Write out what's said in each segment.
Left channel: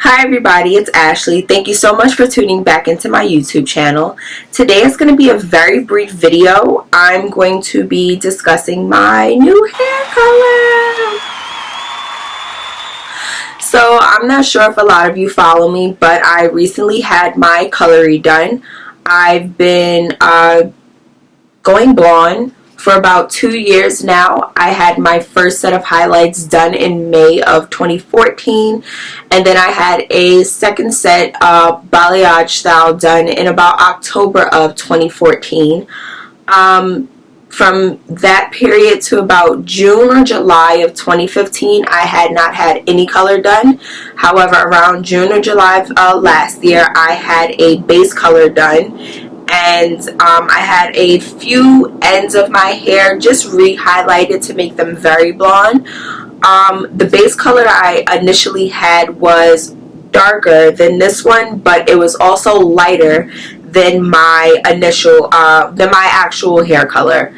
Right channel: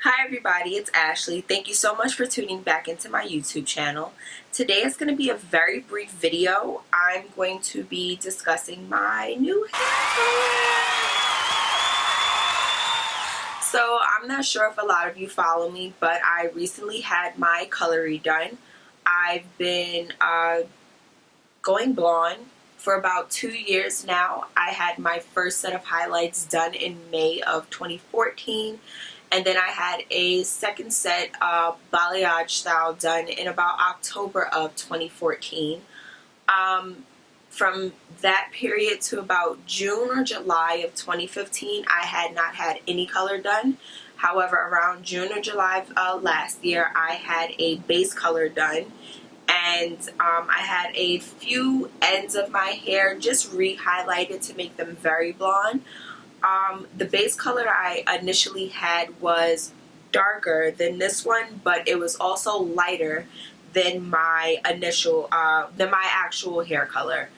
Hi everybody, it's Ashley. Thank you so much for tuning back into my YouTube channel. Today is going to be a very brief video. I'm going to be discussing my new hair color. So I'm not sure if a lot of you follow me, but I recently had my color redone. I've been going blonde for about 2 years now. I had my first set of highlights done in May of 2014, and then I had a second set of balayage style done in about October of 2014. From that period to about June or July of 2015, I had not had any color done. However, around June or July of last year, I had a base color done, and I had a few ends of my hair just re-highlighted to make them very blonde. The base color I initially had was darker than this one, but it was also lighter than my actual hair color.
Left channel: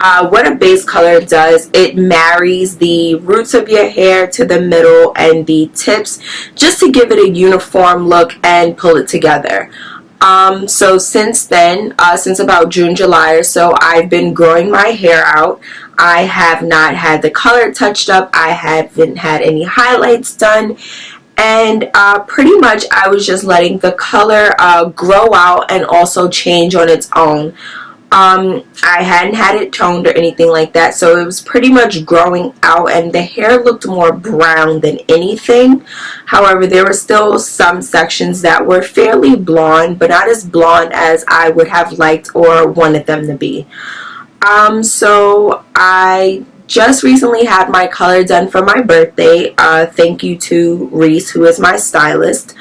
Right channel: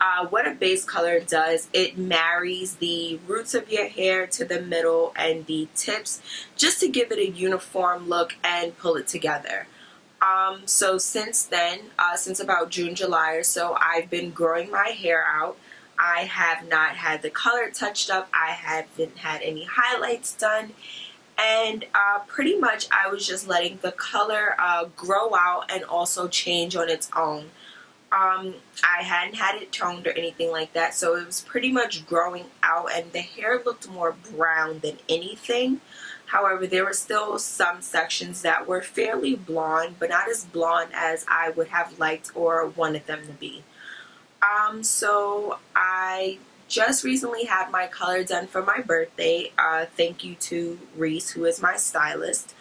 What a base color does, it marries the roots of your hair to the middle and the tips just to give it a uniform look and pull it together. So since then, since about June, July or so, I've been growing my hair out. I have not had the color touched up. I haven't had any highlights done. And pretty much I was just letting the color grow out and also change on its own. I hadn't had it toned or anything like that, so it was pretty much growing out, and the hair looked more brown than anything. However, there were still some sections that were fairly blonde, but not as blonde as I would have liked or wanted them to be. So I just recently had my color done for my birthday. Thank you to Reece, who is my stylist.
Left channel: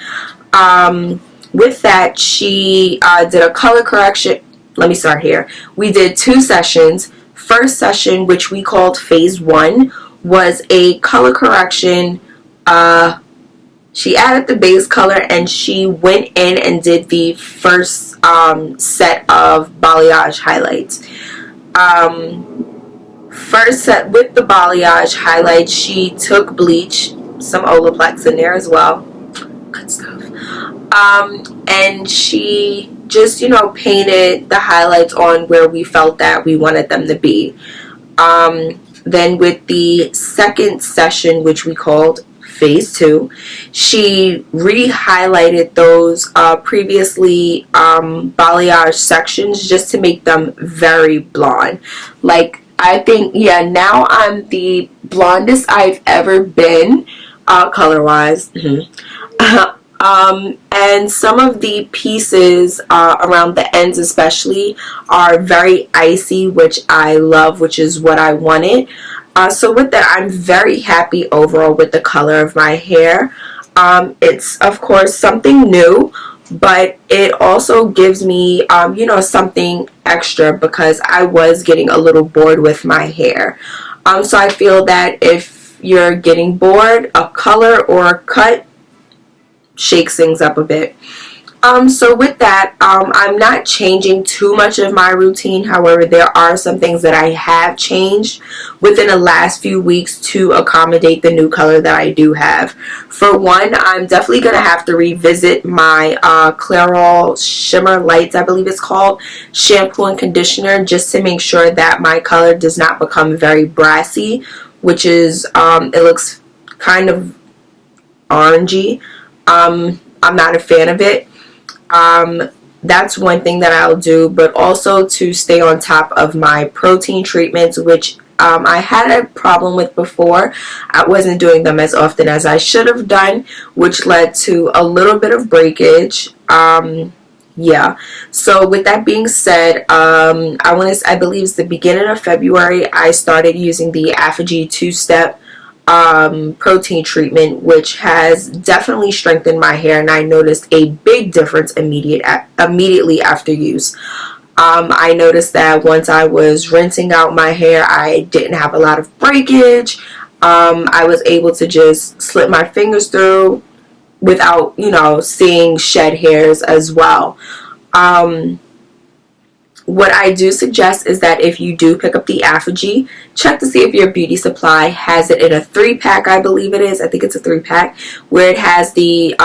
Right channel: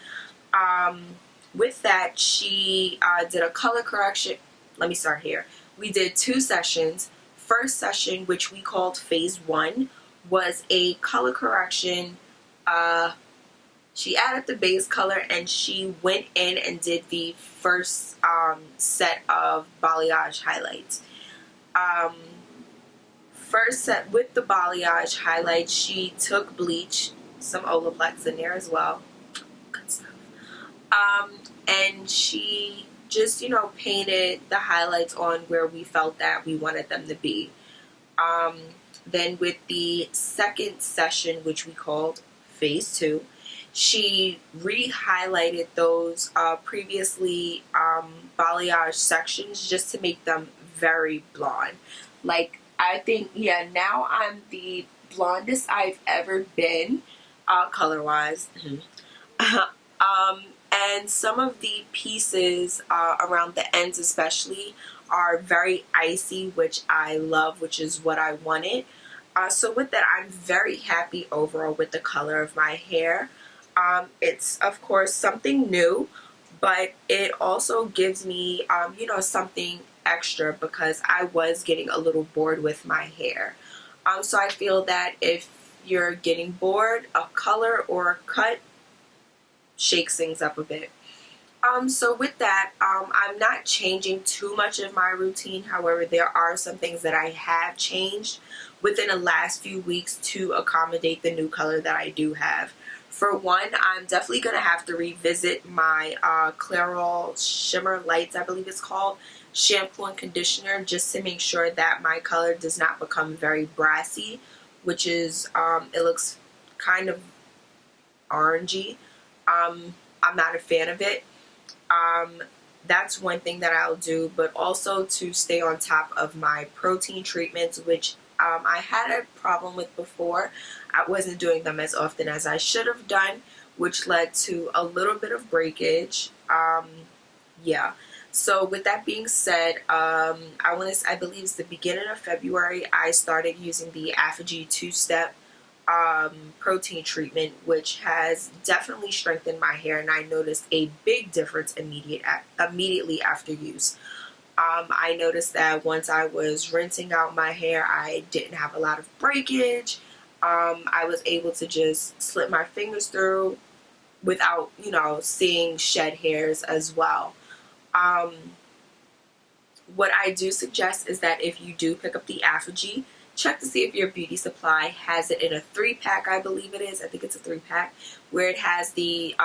With that, she did a color correction. Let me start here. We did 2 sessions. First session, which we called phase 1, was a color correction. She added the base color, and she went in and did the first set of balayage highlights. First set with the balayage highlights, she took bleach, some Olaplex in there as well. Good stuff. And she just, painted the highlights on where we felt that we wanted them to be. Then with the second session, which we called phase 2, she re-highlighted those previously balayage sections just to make them very blonde. Like, I think, yeah, now I'm the blondest I've ever been, color-wise. And some of the pieces around the ends especially are very icy, which I love, which is what I wanted. So with that, I'm very happy overall with the color of my hair. It's, of course, something new, but it also gives me, something extra because I was getting a little bored with my hair. So I feel that if you're getting bored, a color or a cut shakes things up a bit. So with that, I'm not changing too much of my routine. However, there are some things that I have changed within the last few weeks to accommodate the new color that I do have. For one, I'm definitely going to have to revisit my Clairol Shimmer Lights, I believe it's called, shampoo and conditioner, just to make sure that my color does not become very brassy, which is, it looks kind of orangey. I'm not a fan of it. That's one thing that I'll do, but also to stay on top of my protein treatments, which I had a problem with before. I wasn't doing them as often as I should have done, which led to a little bit of breakage. Yeah. So with that being said, I believe it's the beginning of February, I started using the Affinity 2-step protein treatment, which has definitely strengthened my hair, and I noticed a big difference immediately after use. I noticed that once I was rinsing out my hair, I didn't have a lot of breakage. I was able to just slip my fingers through without, seeing shed hairs as well. What I do suggest is that if you do pick up the Apogee, check to see if your beauty supply has it in a 3-pack, I believe it is. I think it's a 3-pack, where it has the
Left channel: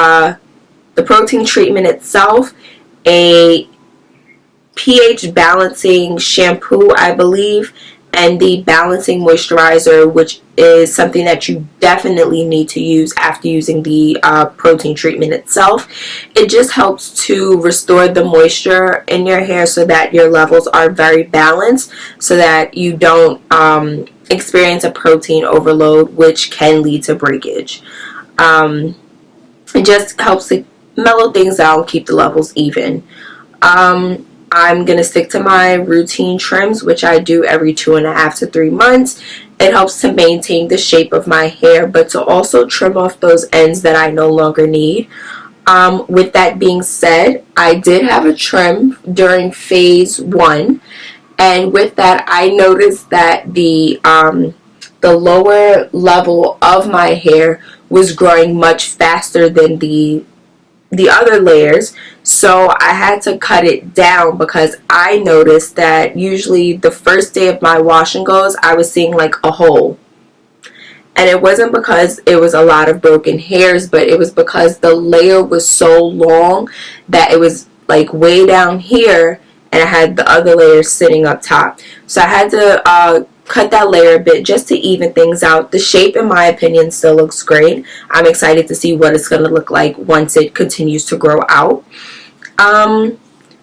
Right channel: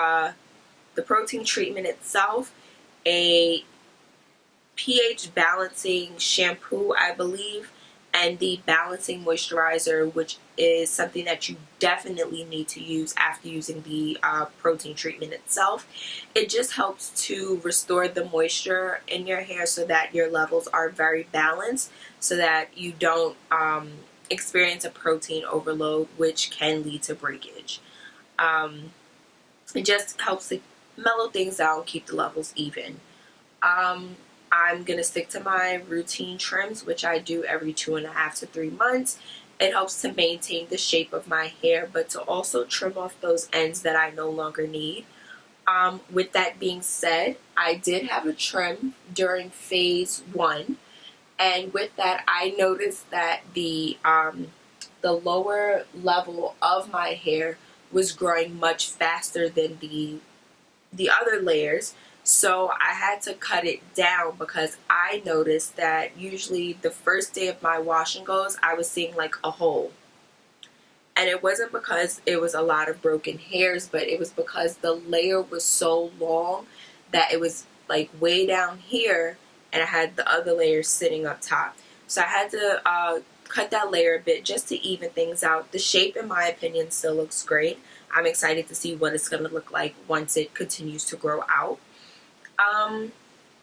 protein treatment itself, a pH balancing shampoo, I believe, and the balancing moisturizer, which is something that you definitely need to use after using the protein treatment itself. It just helps to restore the moisture in your hair so that your levels are very balanced, so that you don't experience a protein overload, which can lead to breakage. It just helps to mellow things out and keep the levels even. I'm going to stick to my routine trims, which I do every 2.5 to 3 months. It helps to maintain the shape of my hair, but to also trim off those ends that I no longer need. With that being said, I did have a trim during phase 1, and with that I noticed that the lower level of my hair was growing much faster than the other layers, so I had to cut it down because I noticed that usually the first day of my wash and goes I was seeing like a hole, and it wasn't because it was a lot of broken hairs, but it was because the layer was so long that it was like way down here and I had the other layers sitting up top. So I had to cut that layer a bit just to even things out. The shape, in my opinion, still looks great. I'm excited to see what it's going to look like once it continues to grow out.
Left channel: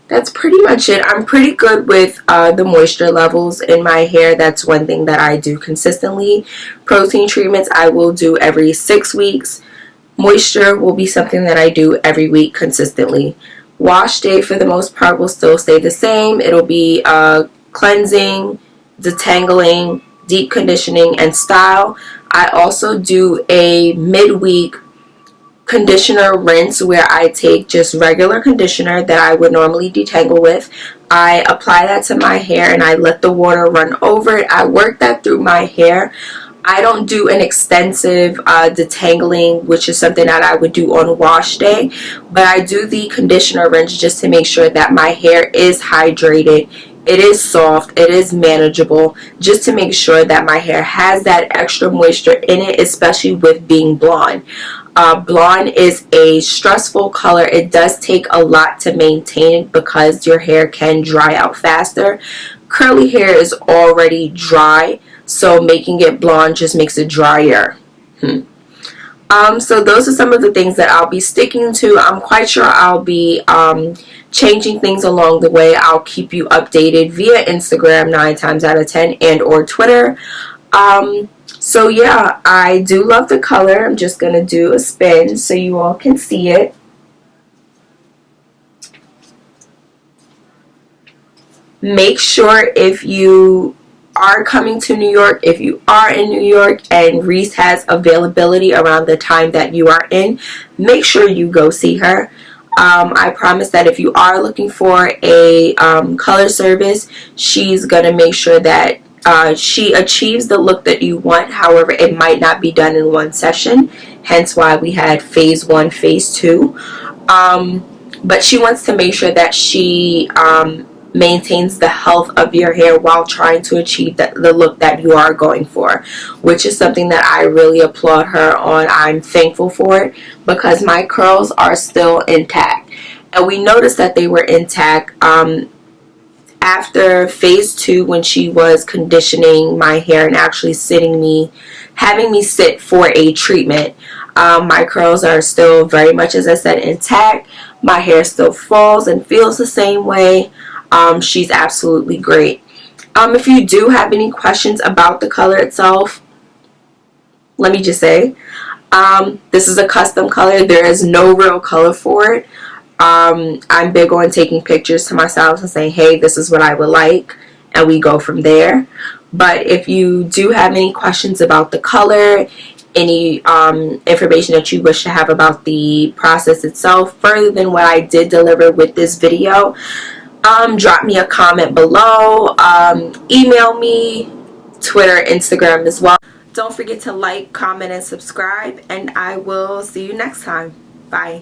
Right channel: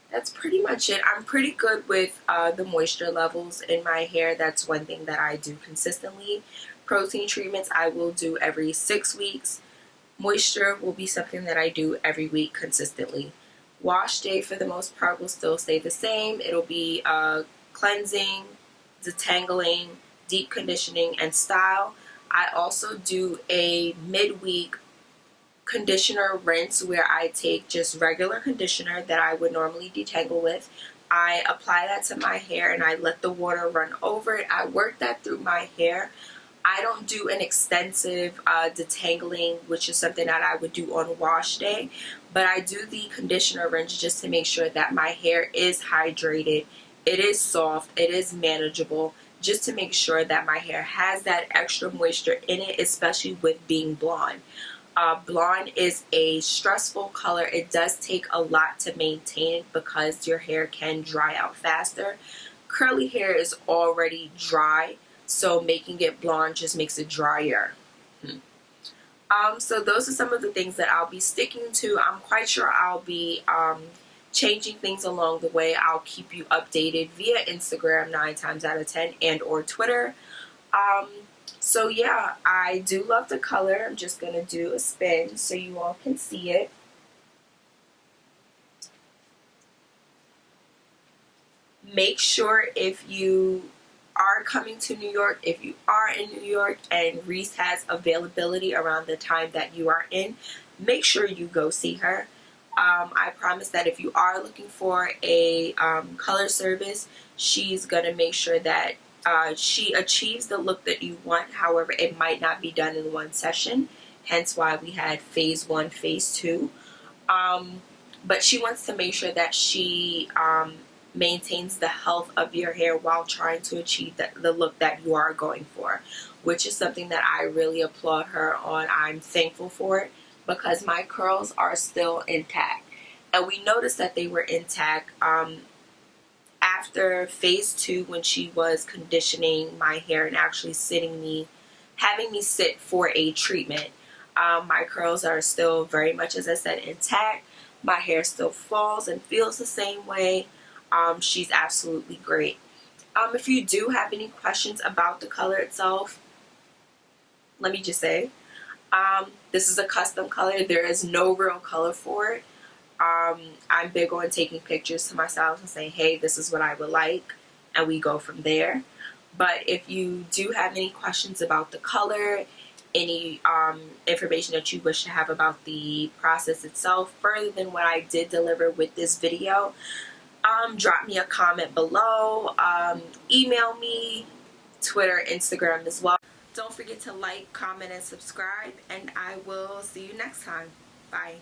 That's pretty much it. I'm pretty good with the moisture levels in my hair. That's one thing that I do consistently. Protein treatments I will do every 6 weeks. Moisture will be something that I do every week consistently. Wash day for the most part will still stay the same. It'll be cleansing, detangling, deep conditioning, and style. I also do a midweek conditioner rinse where I take just regular conditioner that I would normally detangle with. I apply that to my hair and I let the water run over it. I work that through my hair. I don't do an extensive detangling, which is something that I would do on wash day, but I do the conditioner rinse just to make sure that my hair is hydrated, it is soft, it is manageable, just to make sure that my hair has that extra moisture in it, especially with being blonde. Blonde is a stressful color. It does take a lot to maintain because your hair can dry out faster. Curly hair is already dry, so making it blonde just makes it drier. So those are some of the things that I'll be sticking to. I'm quite sure I'll be changing things along the way. I'll keep you updated via Instagram 9 times out of 10 and or Twitter. So yeah, I do love the color. I'm just going to do a spin so you all can see it. Make sure if you are coming to New York, if you are in New York and Reece has availability around the time that you are in, make sure you go see her. I promise that if you are looking for a color service, she's going to make sure that she achieves the look that you want. However, it might not be done in one session, hence why we had phase 1, phase 2. But she wants to make sure that she maintains the health of your hair while trying to achieve the look that you are going for, which is something that I really applaud her on. I'm thankful for it because my curls are still intact, and we noticed that they were intact after phase 2 when she was conditioning my hair and actually having me sit for a treatment. My curls are still very much, as I said, intact. My hair still falls and feels the same way. She's absolutely great. If you do have any questions about the color itself, let me just say, this is a custom color. There is no real color for it. I'm big on taking pictures to myself and saying, hey, this is what I would like, and we go from there. But if you do have any questions about the color, any information that you wish to have about the process itself, further than what I did deliver with this video, drop me a comment below, email me, Twitter, Instagram as well. Don't forget to like, comment, and subscribe, and I will see you next time. Bye.